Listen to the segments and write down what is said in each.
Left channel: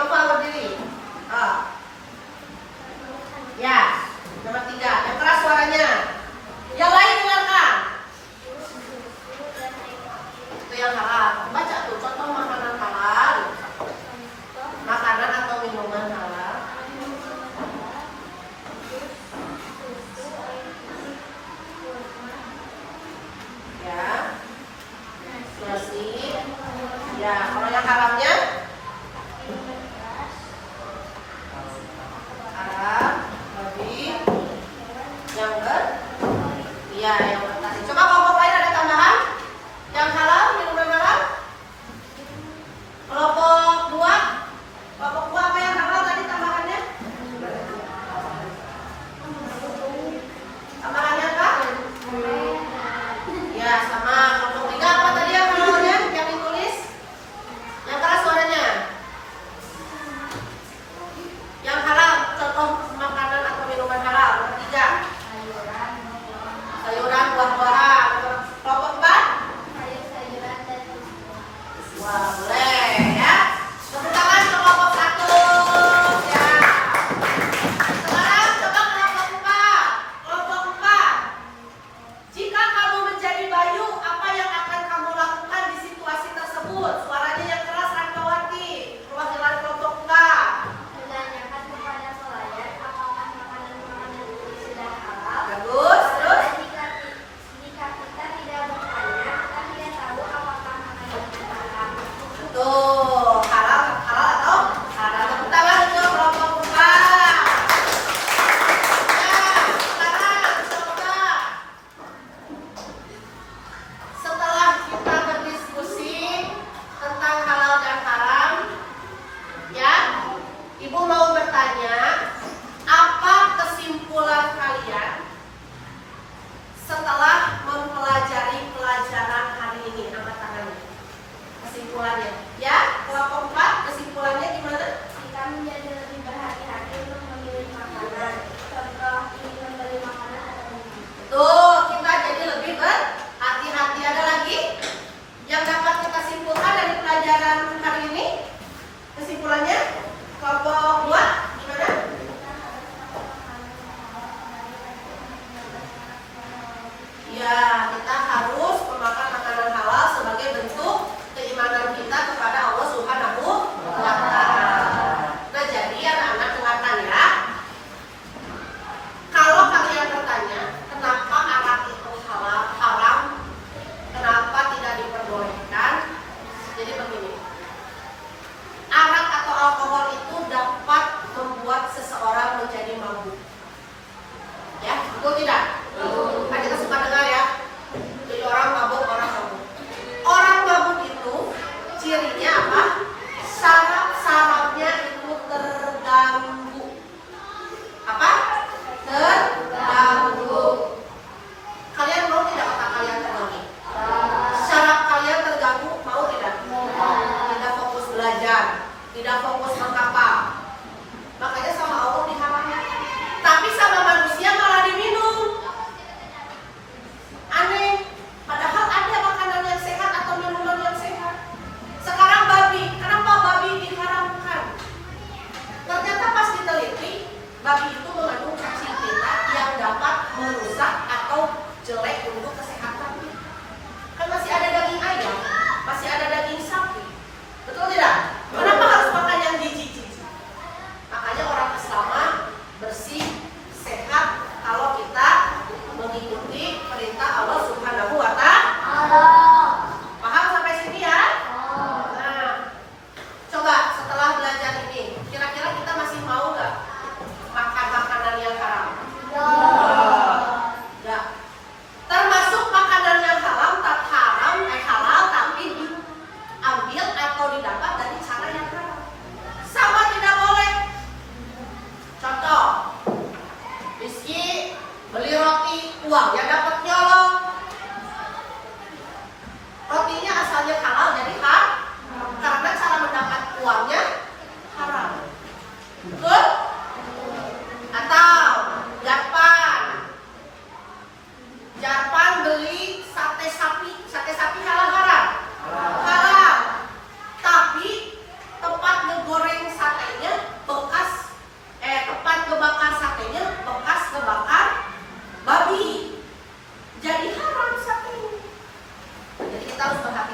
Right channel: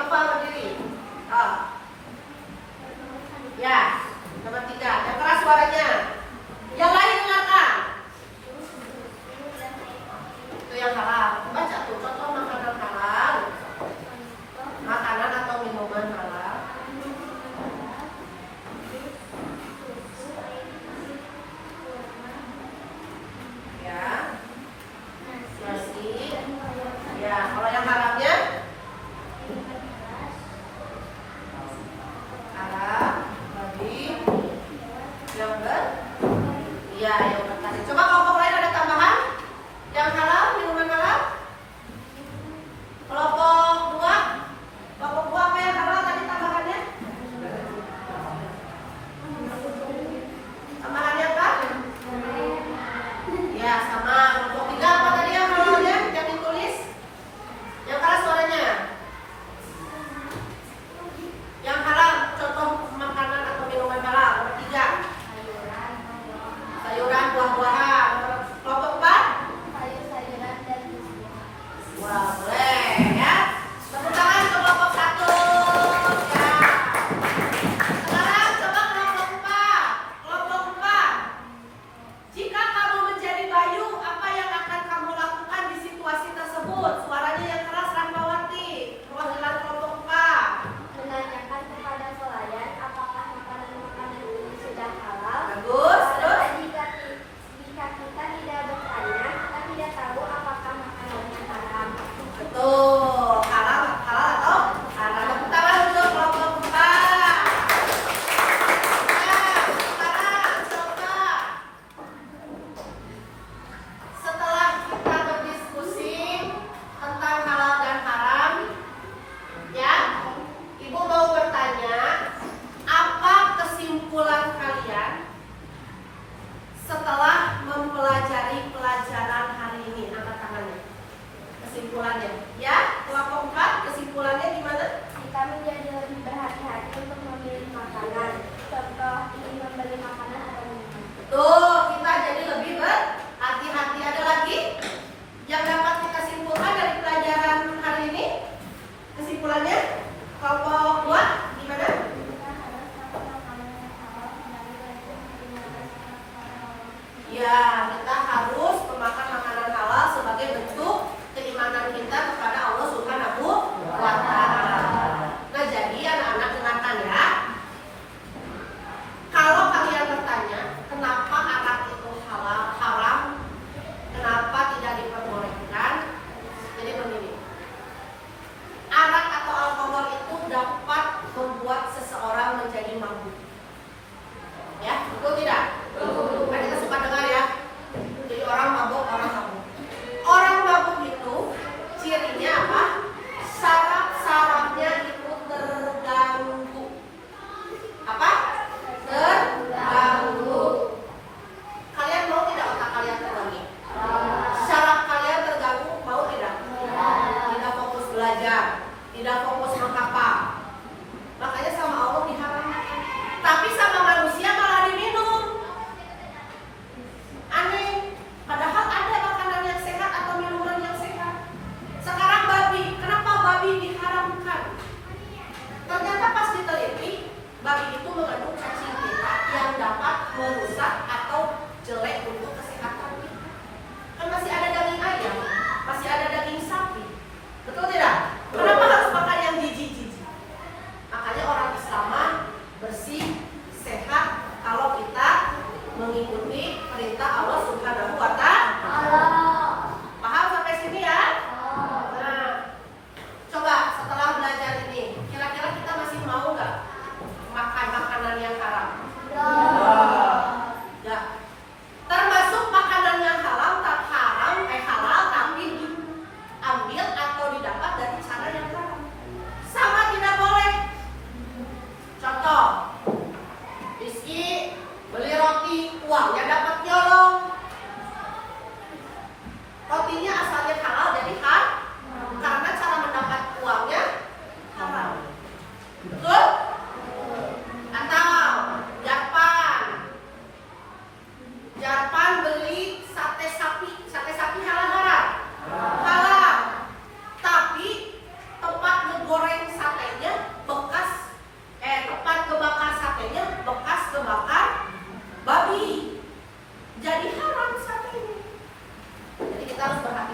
Nova berdiri. Oh. Ya, nomor 3. Yang keras suaranya. Yang lain dengarkan. Itu yang halal. Baca tuh contoh makanan halal. Makanan atau minuman halal. Ya. Nasi. Ya, kalau yang haramnya haram, babi, yang berkasih. Coba kelompok lain ada tambahan? Yang halal, minuman halal? Kelompok 2? Kelompok 2 apa yang halal tadi tambahannya? Tambahannya apa? Ya, sama. Kelompok 3 apa tadi yang halalnya? Yang ditulis? Yang keras suaranya. Yang halal, contoh makanan atau minuman halal. Nomor 3. Sayuran, buah-buahan. Kelompok 4. Wah, boleh ya. Tepuk tangan ke kelompok 1. Ya. Sekarang coba kelompok 4. Kelompok 4. Jika kamu menjadi Bayu, apa yang akan kamu lakukan di situasi tersebut? Suaranya yang keras, Rahmawati. Perwakilan kelompok 4. Menanyakan kepada pelayan apakah makanan-makanan ini sudah halal. Bagus, terus? Jika kita tidak bertanya, kita tidak tahu apakah makanan itu halal. Betul. Halal atau haram? Tepuk tangan untuk kelompok 4. Ya, sekarang coba. Setelah kita berdiskusi tentang halal dan haram, ya, Ibu mau bertanya, apa kesimpulan kalian setelah mempelajari pelajaran hari ini? Angkat tangannya. Kesimpulannya, ya, kelompok 4, kesimpulannya gimana? Kita menjadi lebih berhati-hati untuk memilih makanan. Contoh, ingin membeli makanan atau minum. Tuh, kita jadi lebih berhati-hati. Ada lagi yang dapat kita simpulkan dari pelajaran hari ini? Kesimpulannya, kelompok 2 gimana? Kita harus tahu makanan yang halal sembari dari Ya, kita harus memakan makanan halal sebagai bentuk keimanan kita kepada Allah Subhanahu wa Ta'ala. Nah, jadi anak-anak dengarkan ya. Kalau kalian bertanya, kenapa arak itu haram, kenapa tidak diperbolehkan? Jadi begini. Arak atau alkohol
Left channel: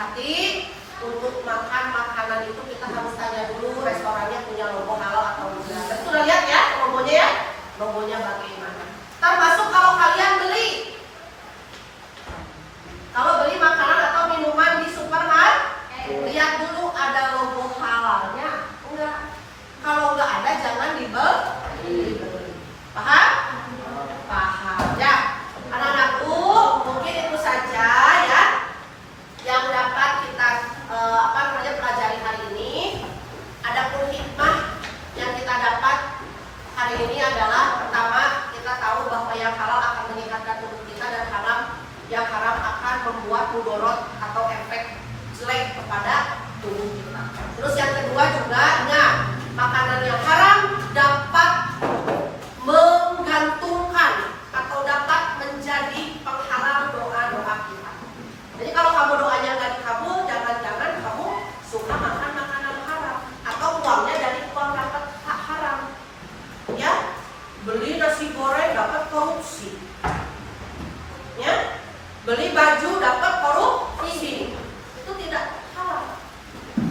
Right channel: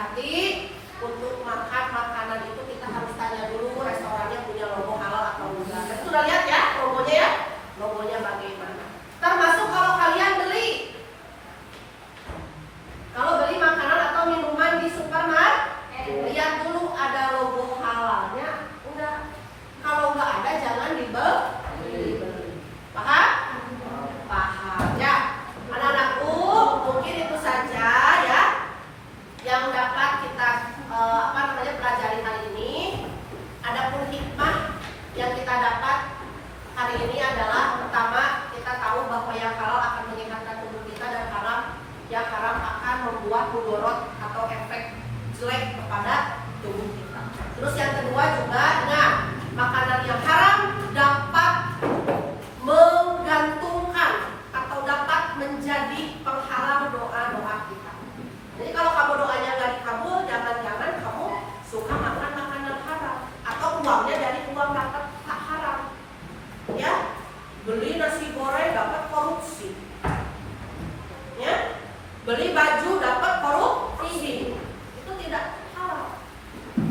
hati-hati untuk makan makanan itu kita harus tanya dulu restorannya punya logo halal atau enggak. Tadi sudah lihat ya logonya ya, logonya bagaimana. Termasuk kalau kalian beli makanan atau minuman di supermarket, lihat dulu ada logo halalnya enggak. Kalau enggak ada jangan dibeli. Paham? Paham ya. Anak-anakku, mungkin itu saja ya yang dapat kita pelajari hari ini. Adapun hikmah yang kita dapat hari ini adalah pertama, kita tahu bahwa yang halal akan menyehatkan tubuh kita dan yang haram akan membuat mudorot atau efek jelek kepada tubuh kita. Terus yang kedua juga ingat, makanan yang haram dapat menggantungkan atau dapat menjadi penghalang doa-doa kita. Jadi kalau kamu doanya nggak dikabul, jangan-jangan kamu suka makan makanan haram atau uangnya dari uang dapat haram. Ya, beli nasi goreng dapat korupsi. Ya, beli baju dapat korupsi. Itu tidak halal.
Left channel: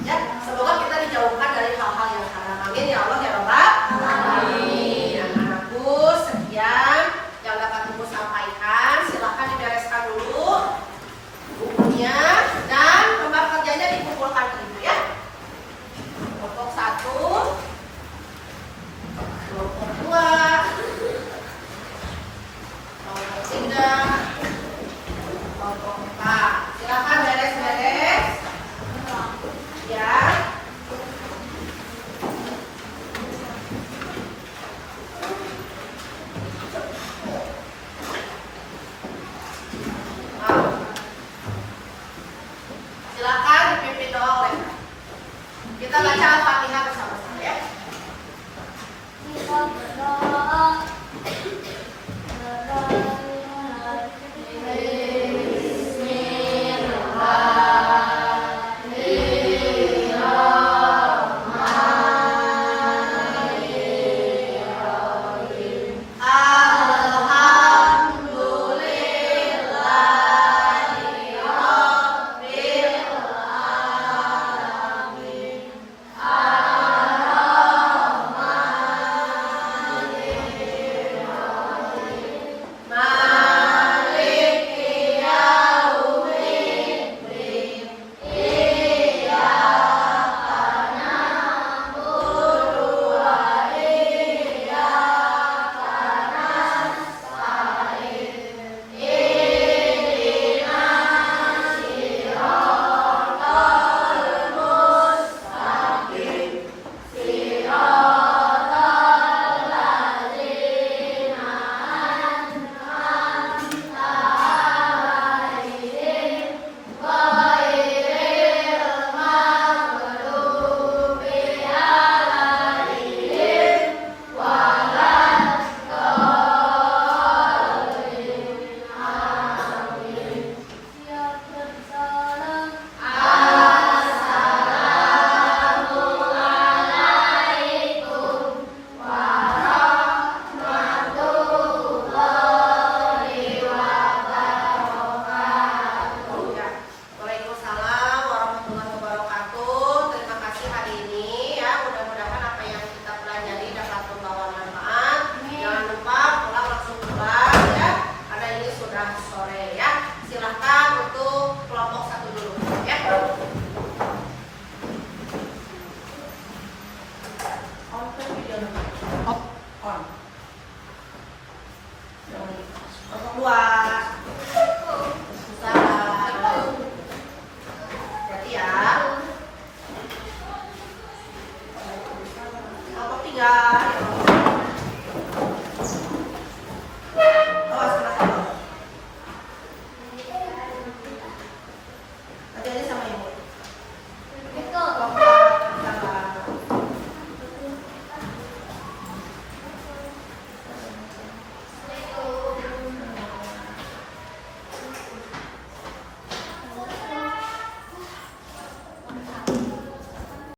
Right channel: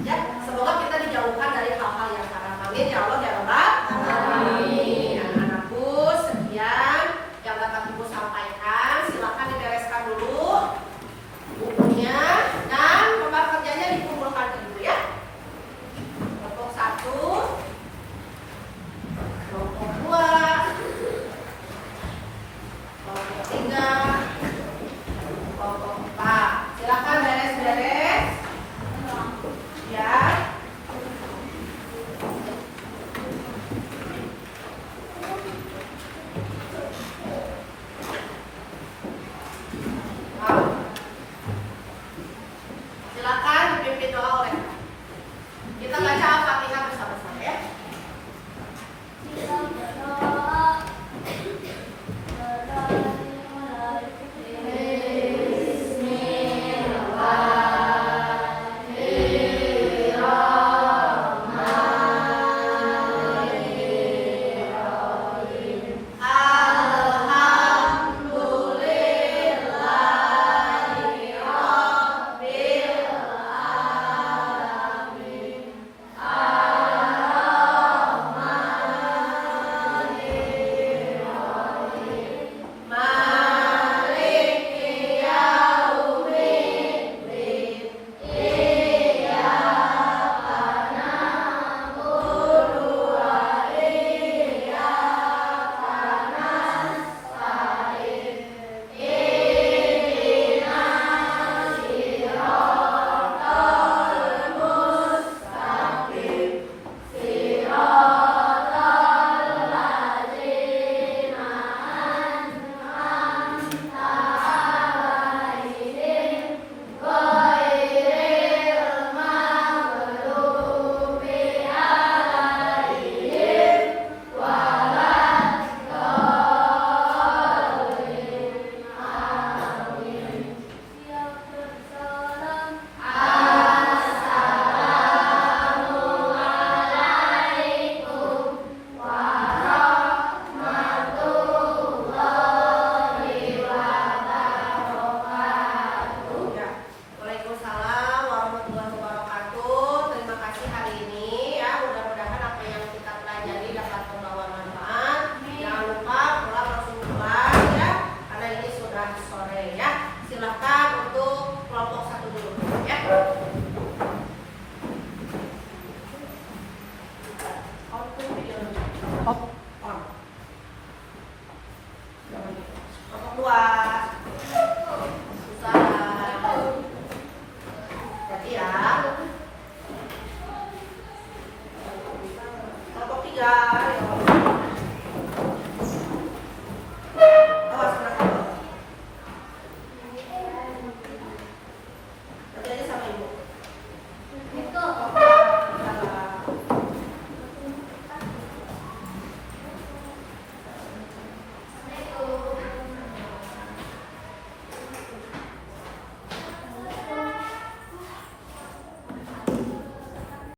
Ya, semoga kita dijauhkan dari hal-hal yang haram. Amin ya Allah ya Rabbal alamin. Anak-anakku, sekian yang dapat Ibu sampaikan. Silakan dibereskan dulu bukunya dan lembar kerjanya dikumpulkan ke Ibu ya. Kelompok 1, kelompok 2, kelompok 3, kelompok 4. Silakan beres-beres. Ya. Silakan dipimpin doa oleh Kak. Kita baca Al-Fatihah bersama-sama ya. Kita berdoa. Silahkan untuk kelompok 1 dulu ya.